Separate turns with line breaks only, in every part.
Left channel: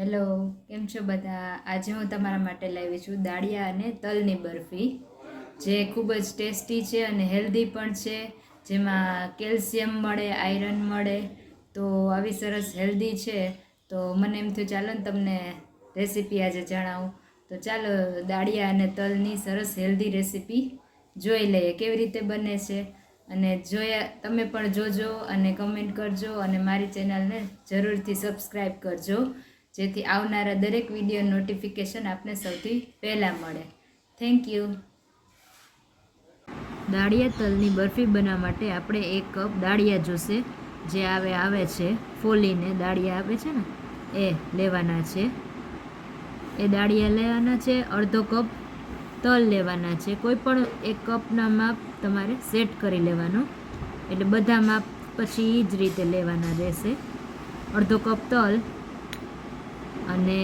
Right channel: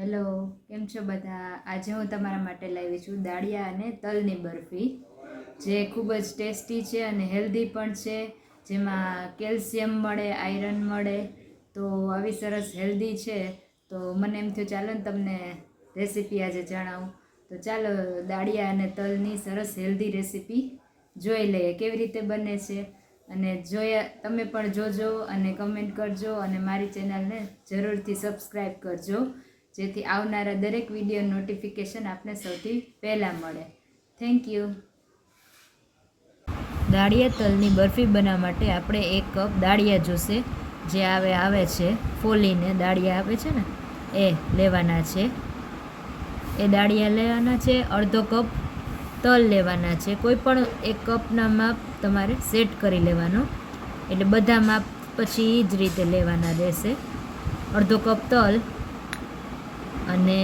Hello, કેમ છો બધા? આજે હું તમારા માટે લાવી છું દાળિયા અને તલની બરફી, જે ખૂબ જ ટેસ્ટી છે અને હેલ્ધી પણ છે. જેમાં કેલ્શિયમ મળે, આયરન મળે, તો આવી સરસ હેલ્ધી છે. તો મને એમ થયું, ચાલો ને તમને રેસીપી આજે જણાવું. તો ચાલો, દાળિયા અને તલની સરસ હેલ્ધી રેસીપી જોઈ લઈએ, કેવી રીતે બને છે. અને જોયા, તમે પણ જોજો અને કમેન્ટ કરજો અને મારી ચેનલને જરૂરથી સબસ્ક્રાઈબ કરજો. જેથી આવનારા દરેક વીડિયો નોટિફિકેશન આપને સૌથી પહેલાં મળે. થેન્ક યુ દાળિયા તલની બરફી બનાવવા માટે આપણે એક કપ દાળિયા જોશે. જે આવે આવે છે. ફોલીને દાળિયા આવે છે ને? એ લેવાના છે. એ દાળિયા લેવાના છે. અડધો કપ તલ લેવાના છે. કોઈ પણ એક કપના માપ તમારે સેટ કરી લેવાનો. એટલે બધા માપ પછી એ જ રીતે લેવાના રહેશે. અડધો કપ તલ અને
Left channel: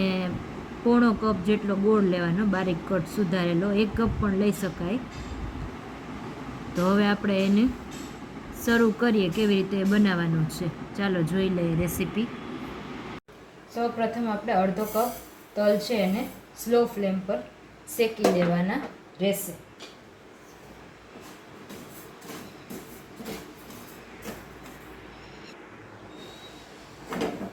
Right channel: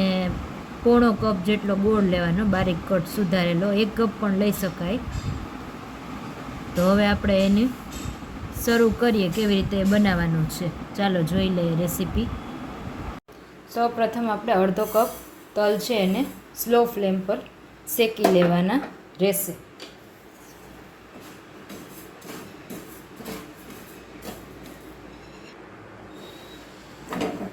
પોણો કપ જેટલો ગોળ લેવાનો, બારીક કટ સુધારેલો, એક કપ પણ લઈ શકાય. તો હવે આપણે એને શરૂ કરીએ કેવી રીતે બનાવવાનું છે. ચાલો જોઈ લઈએ રેસીપી. સૌ પ્રથમ આપણે અડધો કપ તલ છે એને સ્લો ફ્લેમ પર શેકી લેવાના રહેશે.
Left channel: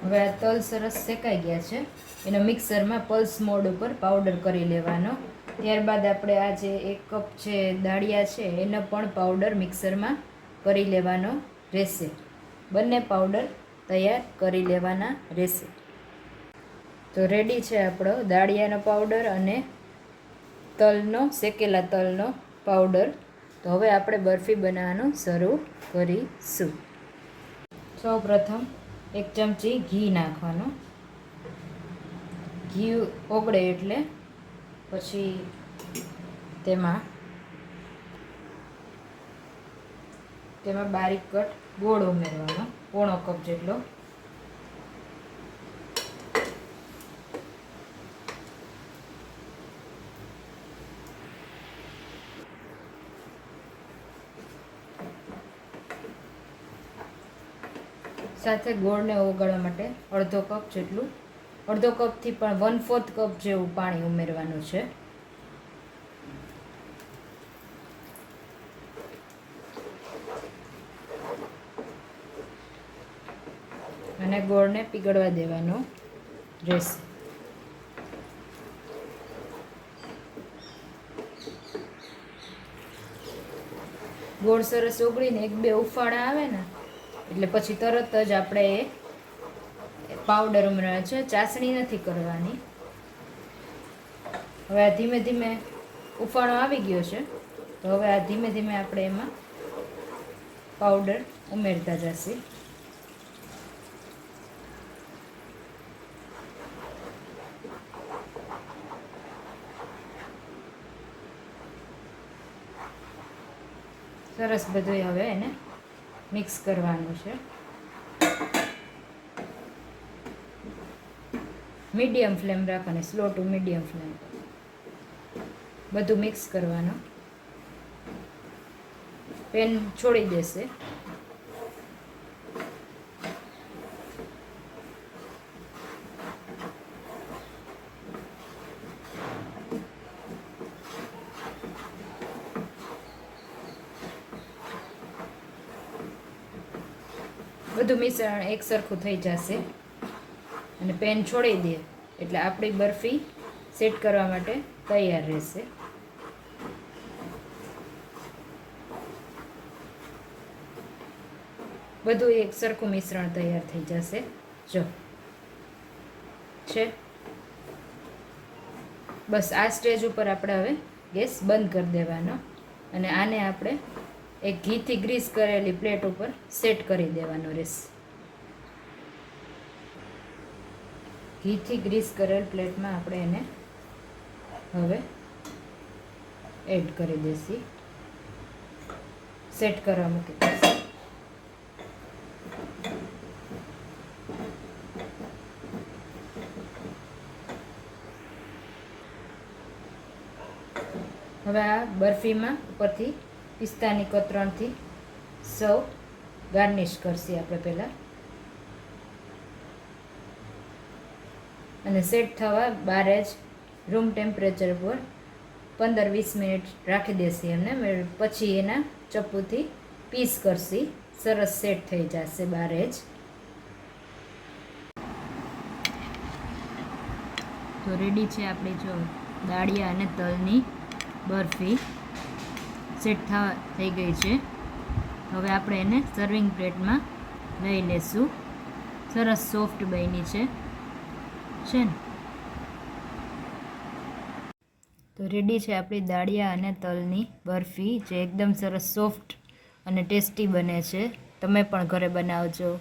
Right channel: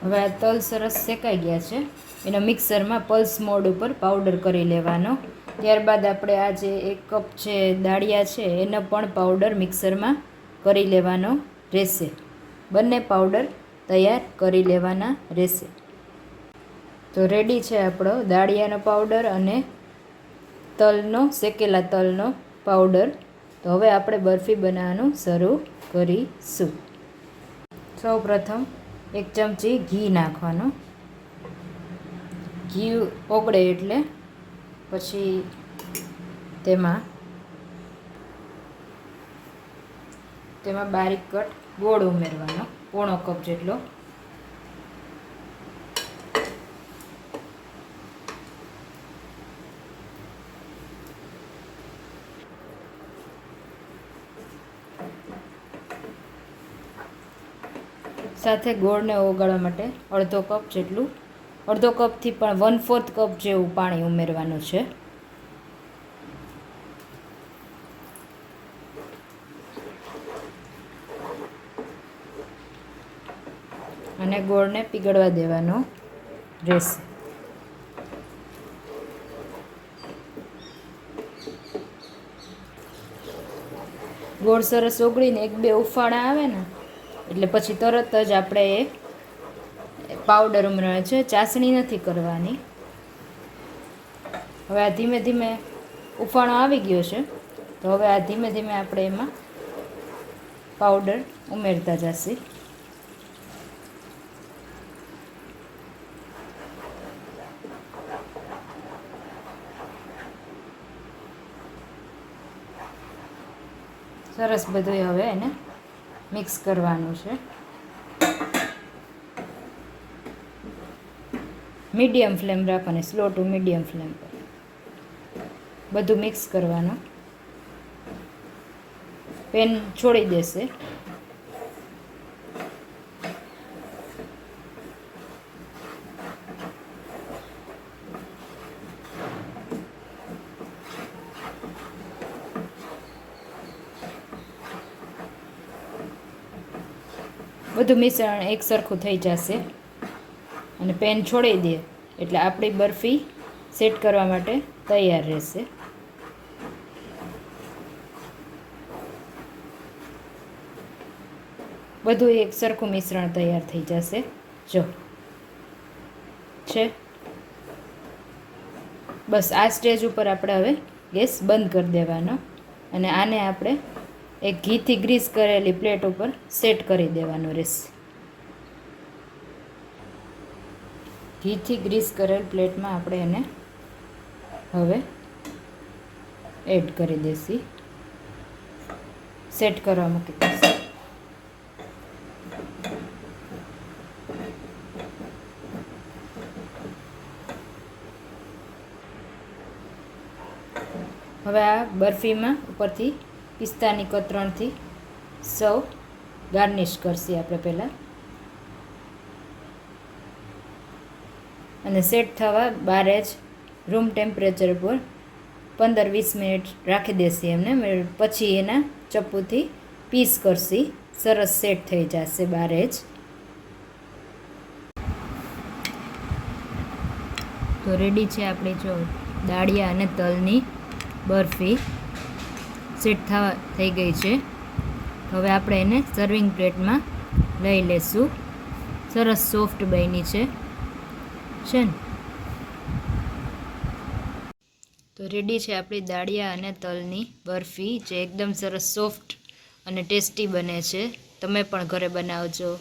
હવે આ તલ સરસ શેકાઈ ગયા છે. એનો મિક્સરમાં પલ્સ મોડ ઉપર પાવડર કરી લેવાનો. ત્યારબાદ આપણે આ જે એક કપ છે દાળિયા છે, એનો પણ પાવડર મિક્સરમાં કરી લેવાનો રહેશે. બંને પાવડર તૈયાર કરી લેવાના રહેશે. તો રેડી છે આપણો દાળિયાનો પાવડર અને તલનો, શેકેલા તલનો પાવડર. તો હવે આપણે બરફી બનાવવાનું શરૂ કરીશું. સૌ પ્રથમ એક ચમચી ઘી નાખવાનું. ઘી ઓગળે એટલે પછી તેમાં તેમાં બારીક કટ ગોળ ઉમેરવાનો, પોણો કપ જેટલો. સાથે ગોળને ઓગાળવા માટે અડધો કપ જેટલું, અડધો કપથી પણ વન ફોર્થ કપ જેવું પાણી ઉમેરવાનું છે. અને ગોળને પીગળવા દેવાનો રહેશે ગોળ સરસ ઓગળીને એક બે ઉફાળા આવે ને એટલે પછી તરત જ આપણે એ પાવડર ઉમેરવાનો છે, ચાસણી નથી કરવાની. હવે આ ધીમે ધીમે ઉફાણો આવી ગયો છે, તો હવે આ ધીમે ધીમે આપણે એમાં પાવડર ઉમેરતા જશે. સરસ બધું હવે એને મિક્સ કરવાનું છે. મીડિયમ ફ્લેમ રાખવાની સ્લો ટુ મીડિયમ ફ્લેમ બધું મિક્સ કરવાનું. પેન છોડી દેશે. બધું મિશ્રણ એક સરખું થઈ જશે. અને પેન છોડી દે. એટલે આપણી બરફી સેટ કરવા માટે તૈયાર રહેશે. બધું એક સરખું મિશ્રણ તૈયાર થઈ જશે. જો. છે. બસ આ સ્ટેજ ઉપર આપણે હવે ગેસ બંધ કરી દેવાનો. અને આને આપણે એક ઘીથી ગ્રીસ કરેલી પ્લેટ ઉપર સેટ કરી દેવાનો રહેશે ઘીથી ગ્રીસ કરેલ પ્લેટમાં આપણે એને હવે એડ કરી દેસી. સેટ કરવા મૂકી દઈશું હવે આ બરફીમાં ઉપરથી પિસ્તાની કતરણથી સૌ ગાર્નિશ કરશી આપણે પહેલાં. અને સેટ થવા બારે જ રૂમ ટેમ્પરેચર પર પંદર વીસ મિનિટ રાખી દેશે એમને. પછી એના ચપ્પુથી પીસ કરશી. સરસ સેટ થઈ જશે બારે જ તો રેડી છે આપણી, જો દાળિયા અને તલની બરફી. સેટ થવા થઈ ગઈ છે. હવે આપણે એને સર્વિંગ પ્લેટમાં લઈ લેશું. સરસ સોફ્ટ બની છે. છે ને? તો રેડી છે આપણી દાળિયા અને તલની બરફી, જે એકદમ સરસ સોફ્ટ અને ટેસ્ટી બને છે. તમે પણ ઘરે બનાવજો.